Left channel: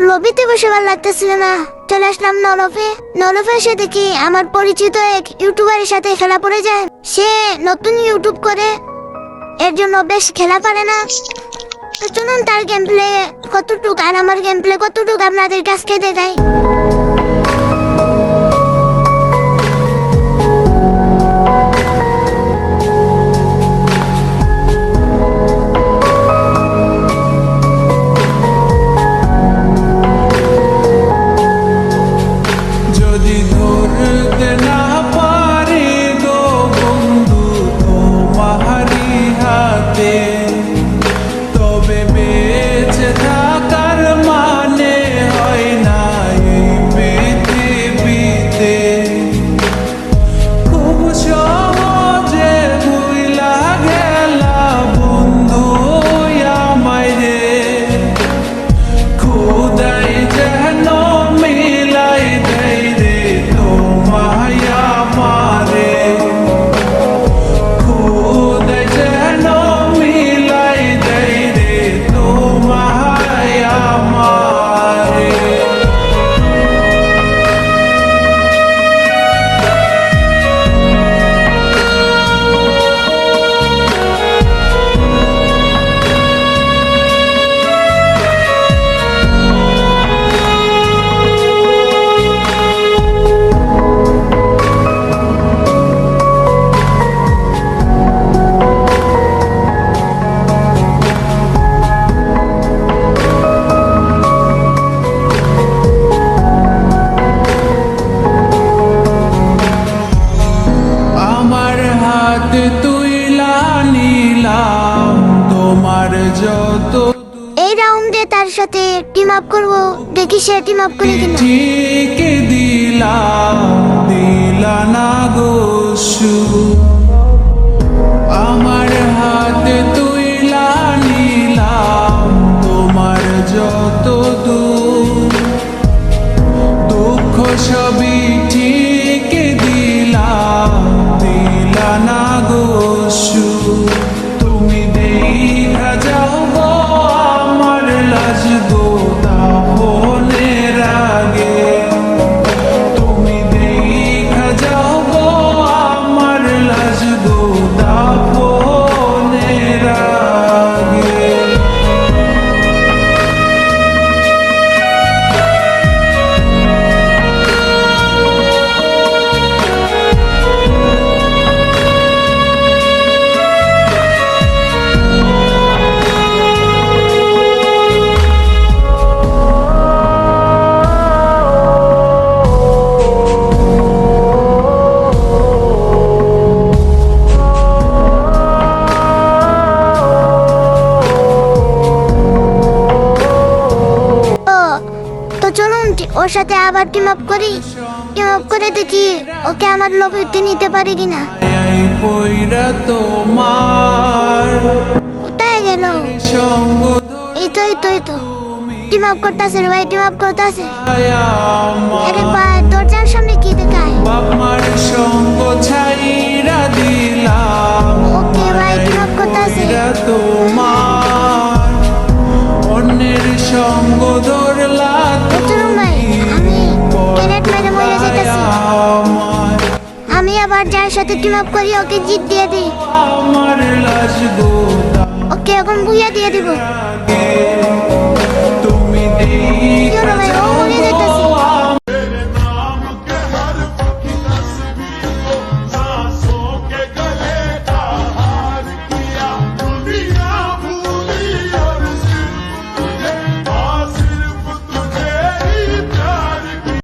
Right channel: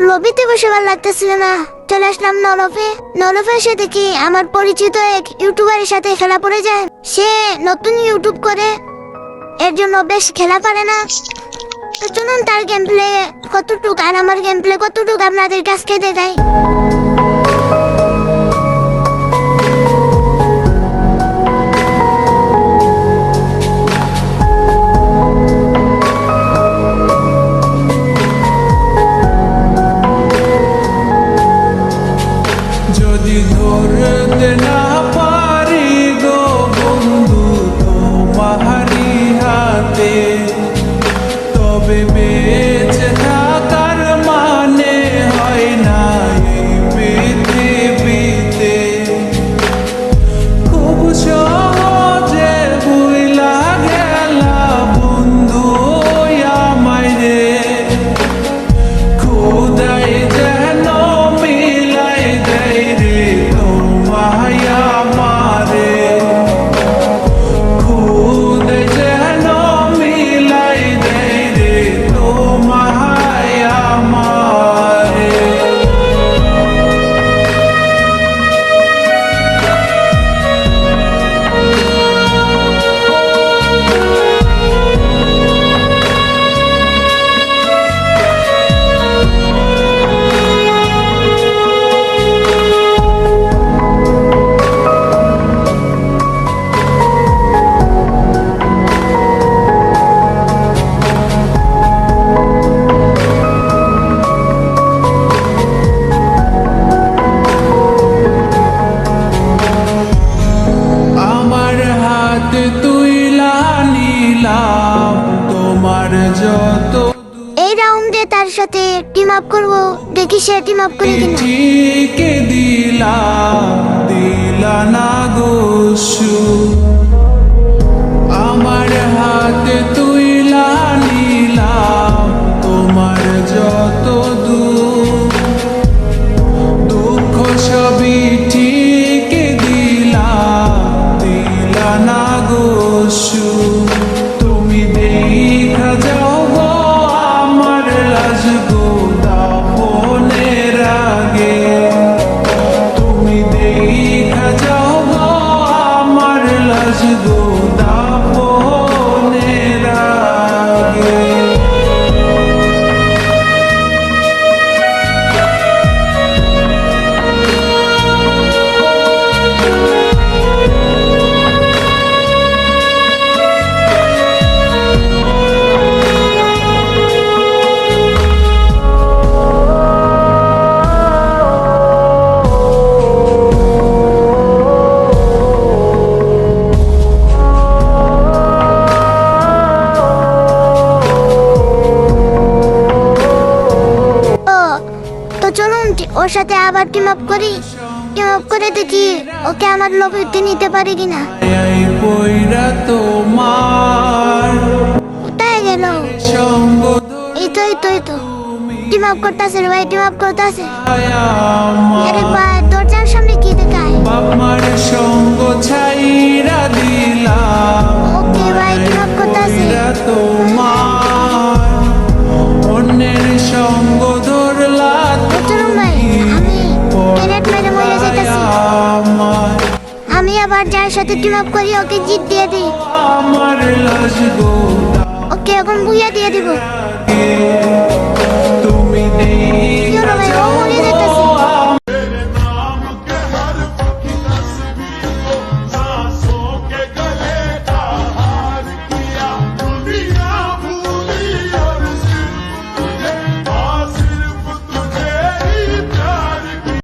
লবিতে বসে ভালো লাগতেছিল না, চলে আসলাম নলফে। নলফে এসে দেখি আমার পরিচিত এক ইউটিউবারের সাথে খেলা পড়ে যায়। সে নতুন ইউটিউব করে, এর জন্য বেশ খেলা পারে না। তো চলুন তার গেম প্লে কতটুক আর আমার গেম প্লে কতটুক আপনাদের কাছে দেখাই। যদি ধরতে না পারি গো বন্ধু তোমারি হাতে, তবে বেঁচে থাকার মানে হয় না এই পৃথিবীতে। খুব সহজে ভুইলা গেলা বন্ধু আমায় রে, খোদাই যেন মিলাই দেয় রে তোমায় আমারে, খোদাই যেন মিলাই দেয় রে তোমায় আমারে। আমার হাতে তুইলা নিলাম তোমার যত এই রাউন্ডে তার সাথে টিম আপ করবো, দেখি সে টিম আপ করে কিনা। ঠিক দিলা দিলা না গোসু, আমার হাতে তুইলা নিলাম তোমার যত দুঃখ সবই ঠিক দিলা দিলা না গোসু। তুমি দেখা যাও গো আমার লাজ গো দাফনের আগে, তুমি দেখা যাও গো আমার লাজ গো দাফনের আগে। তো চলুন ওর সাথে আবার টিম আপ করি, টিম আপ করে দেখি ওকে আমার লবিতে নিতে পারি কিনা। এই পয়রা তোমার কোথায় গেল? সঙ্গ এই তো এই তো এই তো টিম আপ করতেছে রে ভাই, টিম আপ করতেছে। আরে ভাই দরজার সামনে কি দেখায়? বাপ মার সঙ্গ ছাইরা দিলাম, ওকে ভাই টিম আপ করতেছে। পয়রা তোমার অন্যের সঙ্গ ধরলা চলুন ভাই, আমি ক্যারেট মেরে মরে যাইতাছি। আমার আমি আবার যার সাথে টিম আপ করি ওকে জিত দিয়ে দিই। আমার লাজ গো ওকে এখন বুইয়া দিয়ে দিব। দাগে